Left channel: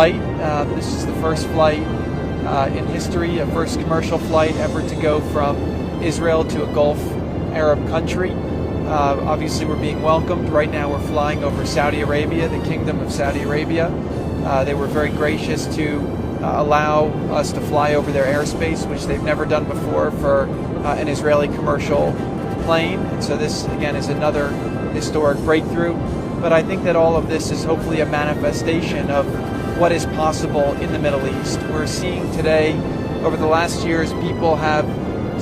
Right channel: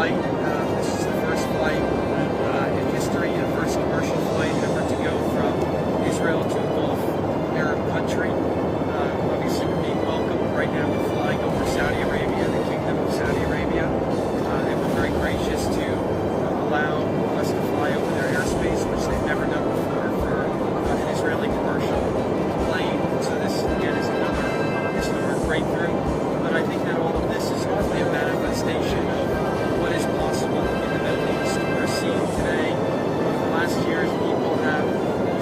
flight. This is the first flight in history, a first commercial flight ever to go from Israel to a Gulf Arab country. Obviously, we're being welcomed. Right now, we're flying over Saudi Arabia, the Kingdom of Saudi Arabia. They were very gracious to allow us to fly over their airspace, which they've never done before for an Israeli commercial plane. So this, again, is another historic breakthrough. But I think that all of this is hopefully a manifestation of what is possible in the Middle East. We're seeing today, over the last years, people have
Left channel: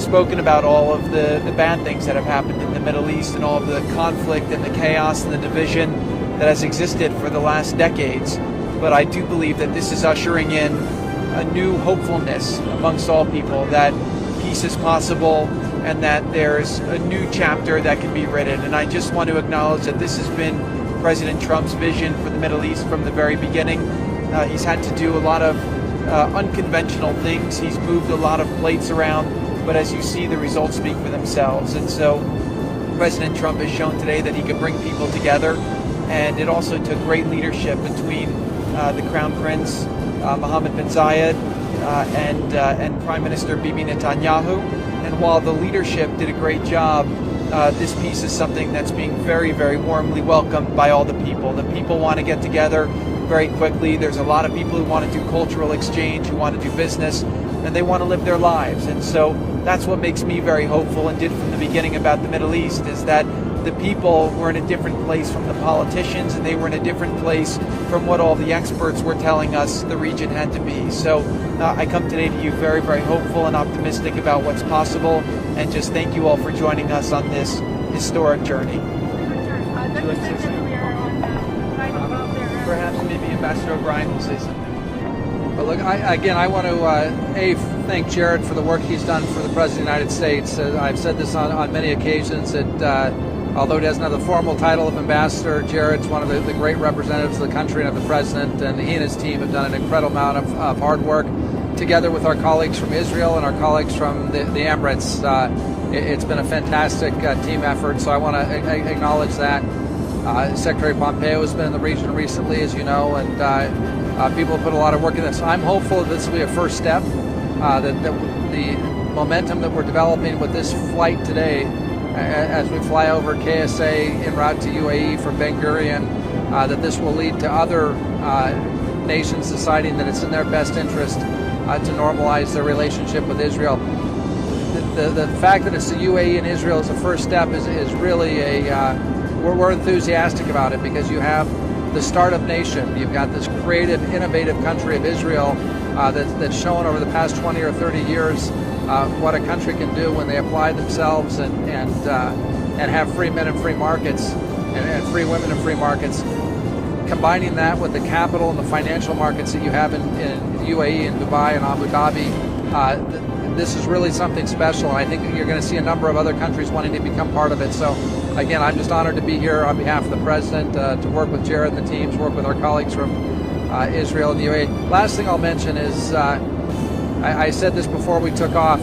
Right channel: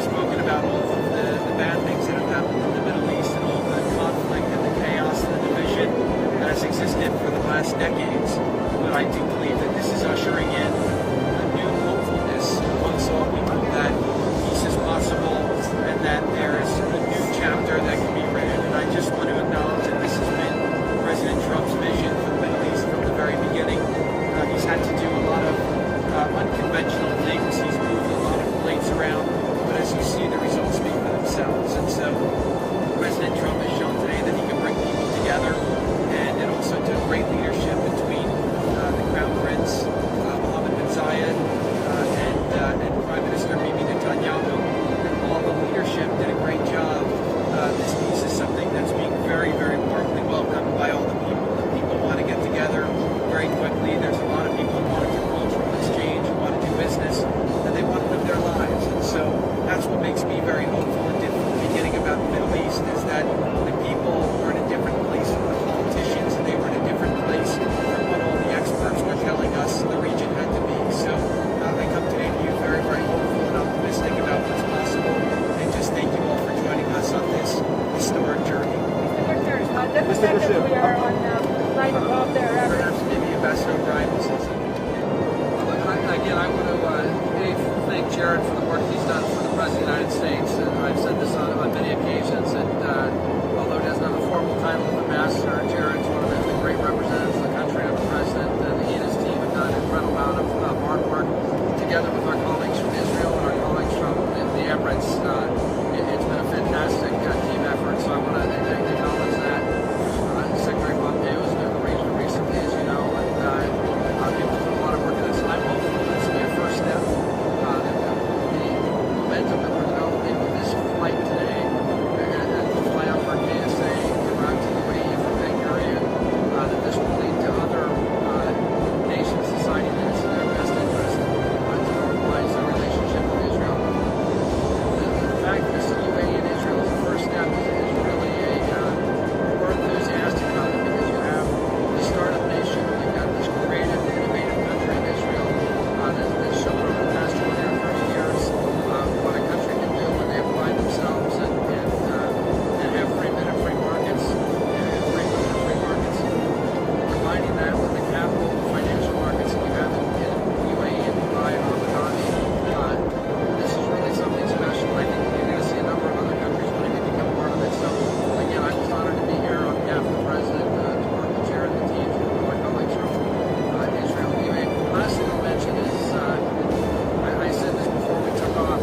spoken about all of the bad things that have happened in the Middle East and all of the conflict and the chaos and the division that has existed for the last decades. But I do believe that this is ushering in a new hopefulness amongst all people, that peace is possible and that there's a new chapter that can be written. And I just want to acknowledge that this has been President Trump's vision for the Middle East from the very beginning. He's had to do a lot of unconventional things. He's moved a lot of plates around, but as you see, the results speak for themselves. And so President Trump has shown today that he can bring people together, and it also took great leadership between the Crown Prince Mohammed bin Zayed and Prime Minister Bibi Netanyahu. And while the leadership did a great job, this piece is something that's being very, very warmly welcomed by all the people. The people want to get together very quickly. There's a lot of people who want to do cultural exchange, who want to do business, and they want to live their lives. And so that's what makes me very hopeful, and did from the beginning about the Middle East, is that the people were in a different place from the politicians, and they were in a different place from what all the experts were telling us the region had to be. So I come today to you very, very hopeful and optimistic about what's possible, and just thank you all for joining us on this historic journey. Perhaps maybe Ambassador O'Brien will say something. Look, I want to thank Jared for the work he's done for the President of the United States. I've said this on many occasions that although he doesn't have the formal title of ambassador, Jared's one of the great representatives of the country and of the President, and he and his team have done an incredible amount of hard work together with our colleagues from Israel and our colleagues from the Emirates. It's been a fantastic team effort, so I want to acknowledge that. Secretary Pompeo has been in the region recently, as you know, and people put a lot of work in this. I'm hopeful that this will be a first step, that the momentum that we're developing with this flight today, as we fly over KSA en route to UAE from Ben Gurion, that this will lead to other nations deciding that it's in their best interest to normalize their relationship with Israel. The fact that it's the UAE and Israel as a first step is really we're enthusiastic about it, because you have the startup nation. You've got this creative, innovative country of Israel that's shown over the past 20 or 30 years what a country can do when they apply themselves and have free men and free markets and free women and free markets. Combining that with the capital and the financial markets that you have in UAE and Dubai and Abu Dhabi, this is really something special, and I think you're going to see a number of other countries wanting to become part of it. So, again, I'm just honored to be here on behalf of the President, to work with Jared and the team, to work with our colleagues from Israel and the UAE. Last thing I'll mention is, I said this before we took off,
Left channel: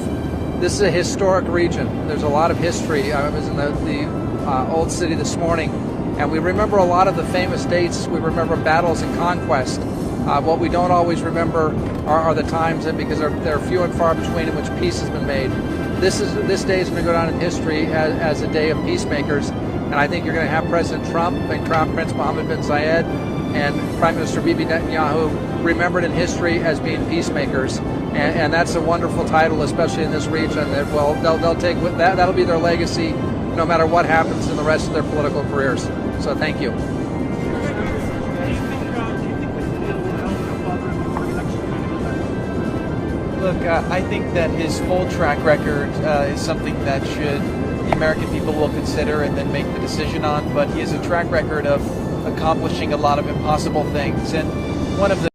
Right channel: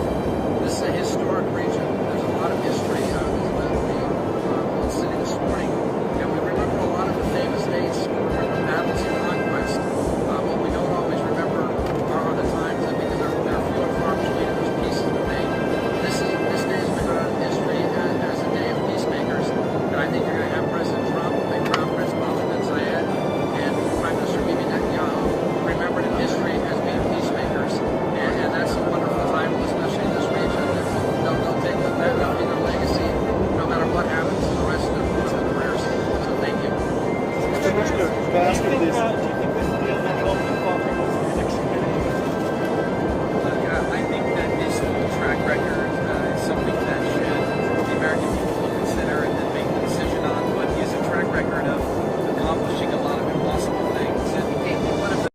this is a historic region. There's a lot of history. I was in the old city this morning, and we remember a lot of the famous dates. We remember battles and conquest. What we don't always remember are the times, because they're few and far between, in which peace has been made. This day is going to go down in history as a day of peacemakers, and I think you're going to have President Trump and Crown Prince Mohammed bin Zayed and Prime Minister Bibi Netanyahu remembered in history as being peacemakers, and that's a wonderful title, especially in this region. They'll take that'll be their legacy, no matter what happens in the rest of their political careers. So thank you. Look, I think that his full track record is something that the American people will consider and then make the decision on, but he has a track record of accomplishing a lot of impossible things, and one of the